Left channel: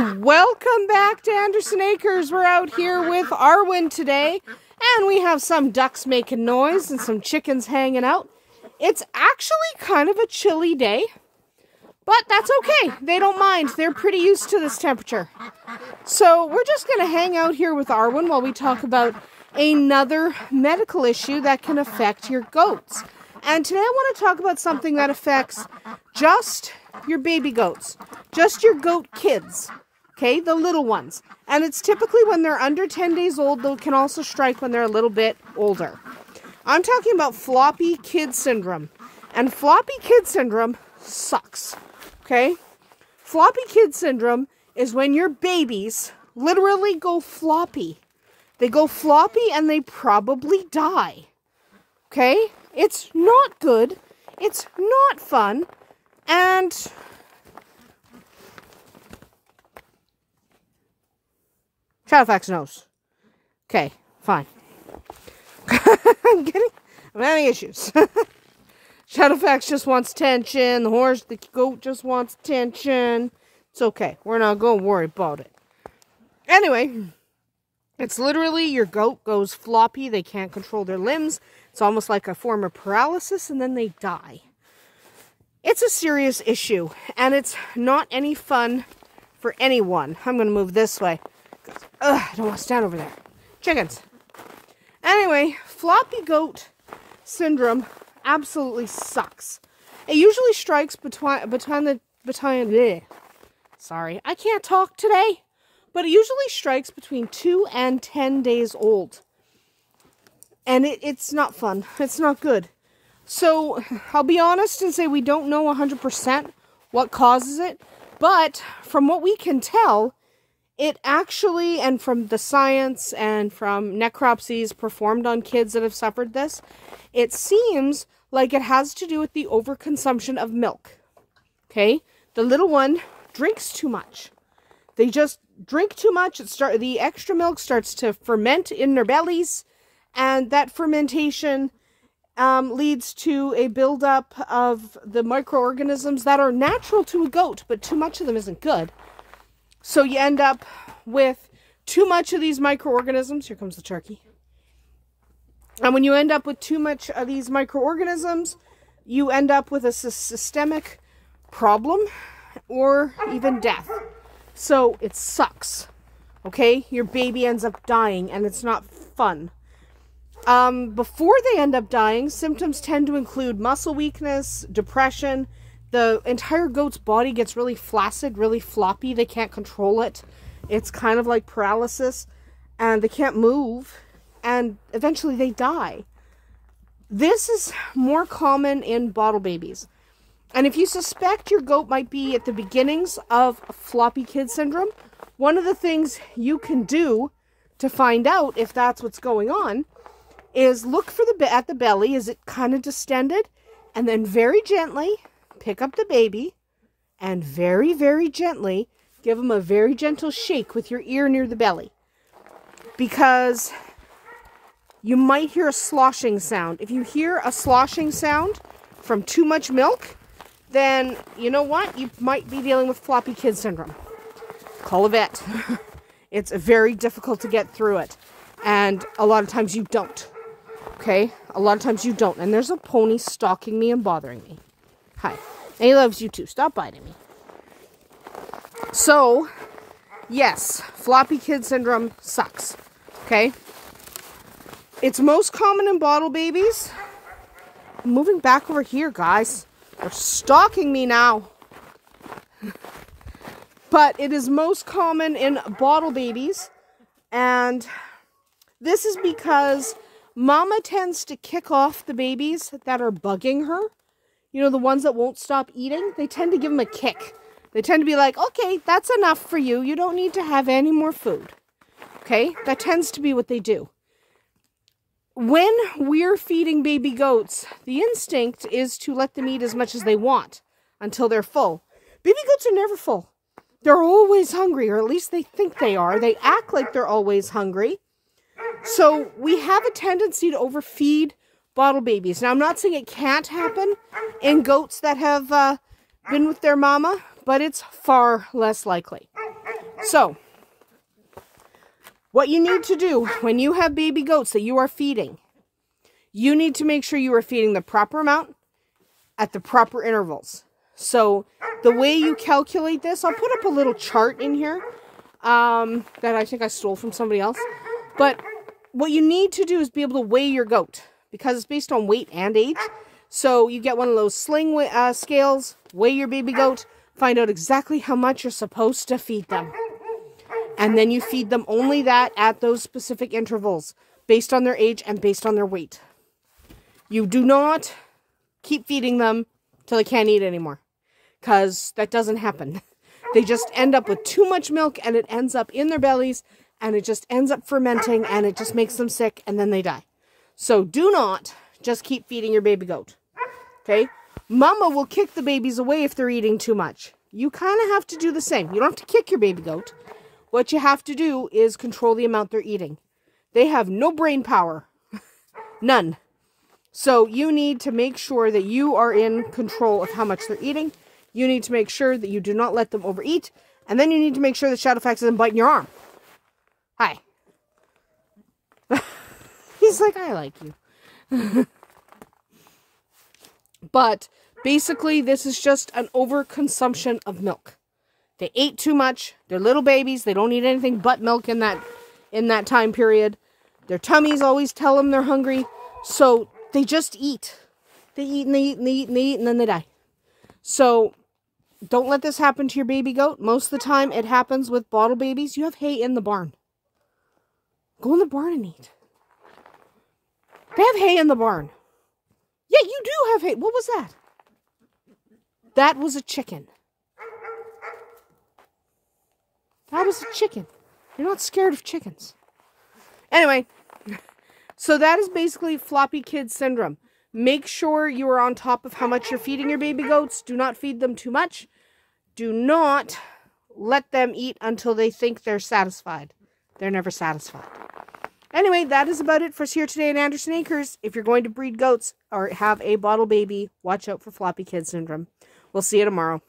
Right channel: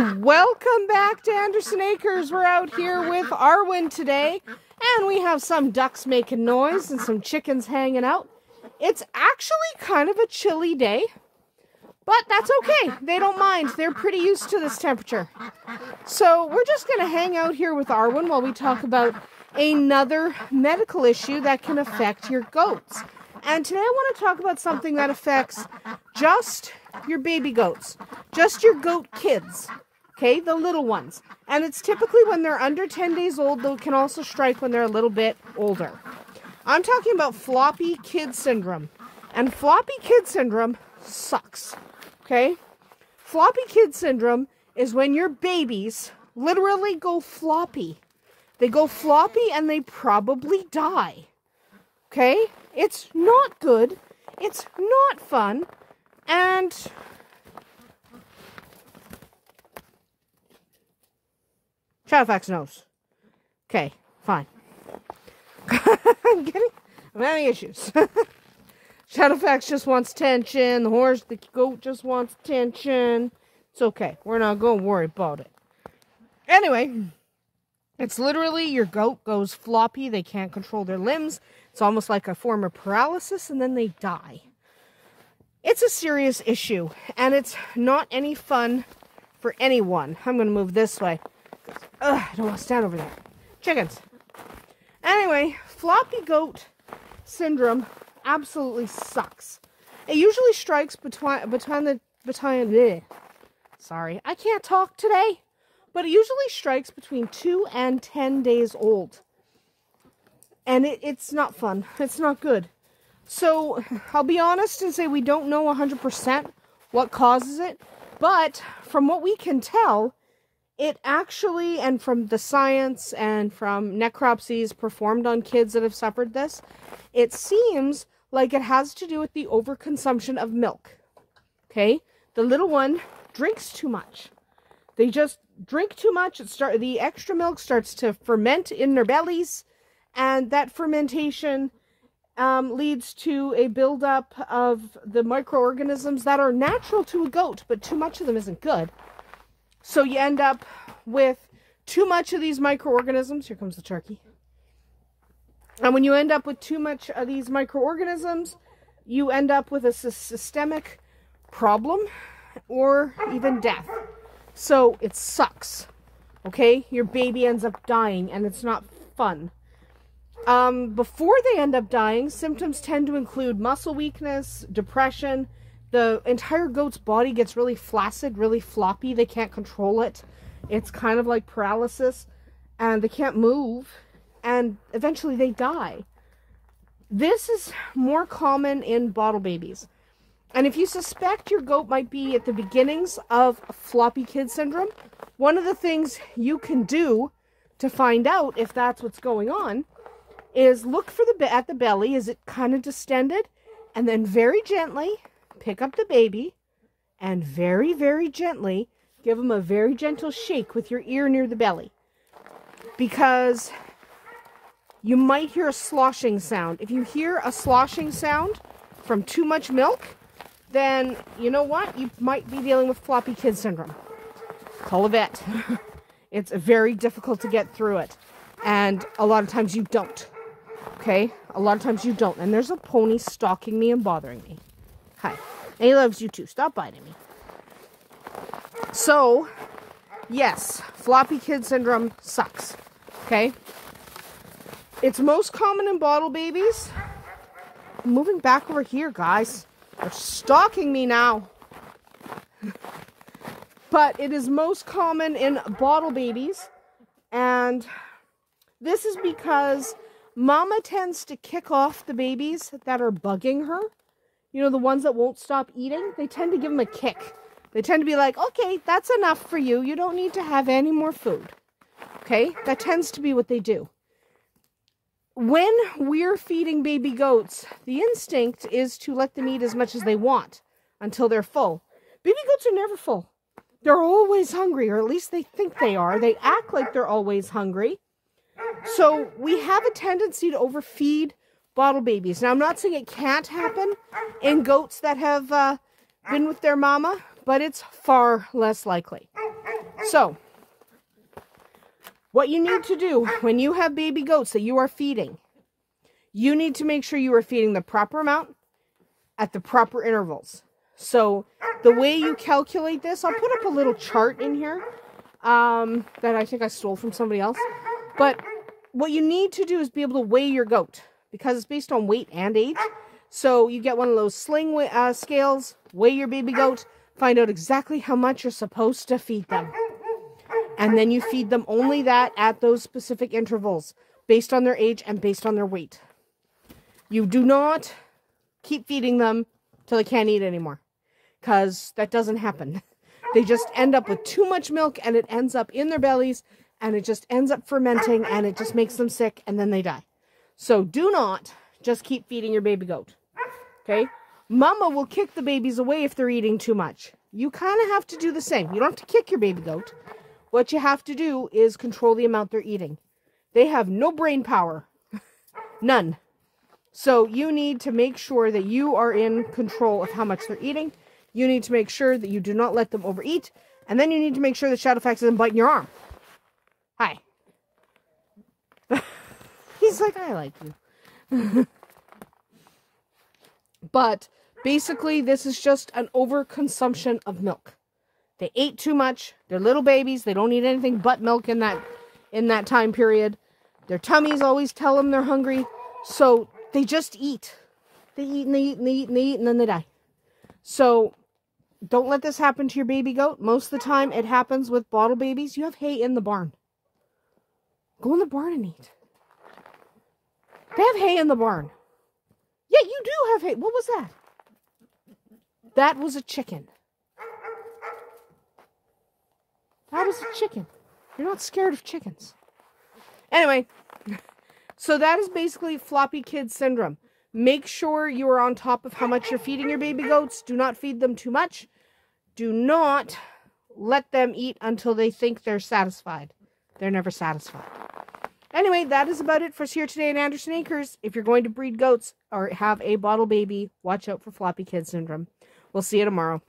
Welcome back to Andersen Acres. We're out here with Arwen today, and we have some ducks making noise and some chickens hanging out. It's actually kind of a chilly day, but that's okay. They don't mind. They're pretty used to this temperature. So we're just going to hang out here with Arwen while we talk about another medical issue that can affect your goats. And today I want to talk about something that affects just your baby goats, just your goat kids, okay, the little ones. And it's typically when they're under 10 days old, though it can also strike when they're a little bit older. I'm talking about Floppy Kid Syndrome. And Floppy Kid Syndrome sucks, okay? Floppy Kid Syndrome is when your babies literally go floppy. They go floppy and they probably die, okay? It's not good. It's not fun. And Shadowfax knows. Okay, fine. I'm having issues. Shadowfax just wants attention. The goat just wants attention. It's okay. We're not going to worry about it. Anyway, it's literally your goat goes floppy. They can't control their limbs. It's almost like a form of paralysis, and then they die. It's a serious issue, and it's not any fun for anyone. I'm going to move this way. Ugh, I don't want to stand over there. Chickens. Anyway, floppy goat syndrome absolutely sucks. It usually strikes sorry, I can't talk today. But it usually strikes between 2 and 10 days old. And it's not fun. It's not good. So, I'll be honest and say we don't know 100% what causes it. But, from what we can tell, it actually, and from the science and from necropsies performed on kids that have suffered this, it seems like it has to do with the overconsumption of milk. Okay? The little one drinks too much. They just drink too much. The extra milk starts to ferment in their bellies, and that fermentation leads to a buildup of the microorganisms that are natural to a goat, but too much of them isn't good. So you end up with too much of these microorganisms. Here comes the turkey. And when you end up with too much of these microorganisms, you end up with a systemic problem or even death. So it sucks. Okay? Your baby ends up dying, and it's not fun. Before they end up dying, symptoms tend to include muscle weakness, depression. The entire goat's body gets really flaccid, really floppy. They can't control it. It's kind of like paralysis, and they can't move, and eventually they die. This is more common in bottle babies. And if you suspect your goat might be at the beginnings of Floppy Kid Syndrome, one of the things you can do to find out if that's what's going on is look for at the belly. Is it kind of distended? And then very gently pick up the baby and very, very gently give him a very gentle shake with your ear near the belly. Because you might hear a sloshing sound. If you hear a sloshing sound from too much milk, then you know what? You might be dealing with Floppy Kid Syndrome. Call a vet. It's very difficult to get through it. And a lot of times you don't. Okay? A lot of times you don't. And there's a pony stalking me and bothering me. Hi. And he loves you too. Stop biting me. So, yes, Floppy Kid Syndrome sucks. Okay? It's most common in bottle babies. I'm moving back over here, guys. They're stalking me now. But it is most common in bottle babies. And this is because Mama tends to kick off the babies that are bugging her. You know, the ones that won't stop eating. They tend to give them a kick. They tend to be like, okay, that's enough for you. You don't need to have any more food. Okay? That tends to be what they do. When we're feeding baby goats, the instinct is to let them eat as much as they want until they're full. Baby goats are never full. They're always hungry, or at least they think they are. They act like they're always hungry. So we have a tendency to overfeed bottle babies. Now, I'm not saying it can't happen in goats that have been with their mama, but it's far less likely. So, what you need to do when you have baby goats that you are feeding, you need to make sure you are feeding the proper amount at the proper intervals. So, the way you calculate this, I'll put up a little chart in here that I think I stole from somebody else. But what you need to do is be able to weigh your goat, because it's based on weight and age. So, you get one of those sling scales, weigh your baby goat, find out exactly how much you're supposed to feed them. And then you feed them only that at those specific intervals, based on their age and based on their weight. You do not keep feeding them till they can't eat anymore, because that doesn't happen. They just end up with too much milk, and it ends up in their bellies, and it just ends up fermenting, and it just makes them sick, and then they die. So do not just keep feeding your baby goat. Okay? Mama will kick the babies away if they're eating too much. You kind of have to do the same. You don't have to kick your baby goat. What you have to do is control the amount they're eating. They have no brain power. None. So you need to make sure that you are in control of how much they're eating. You need to make sure that you do not let them overeat. And then you need to make sure that Shadowfax isn't biting your arm. Hi. He's like, I like you. But basically, this is just an overconsumption of milk. They ate too much. They're little babies. They don't eat anything but milk in that time period. Their tummies always tell them they're hungry. So they just eat. They eat and they eat and they eat and they eat, and then they die. So don't let this happen to your baby goat. Most of the time it happens with bottle babies. You have hay in the barn. Go in the barn and eat. They have hay in the barn. Yeah, you do have hay. What was that? That was a chicken. That is a chicken. You're not scared of chickens. Anyway, so that is basically Floppy Kid Syndrome. Make sure you are on top of how much you're feeding your baby goats. Do not feed them too much. Do not let them eat until they think they're satisfied. They're never satisfied. Anyway, that is about it for us here today at Andersen Acres. If you're going to breed goats or have a bottle baby, watch out for Floppy Kid Syndrome. We'll see you tomorrow.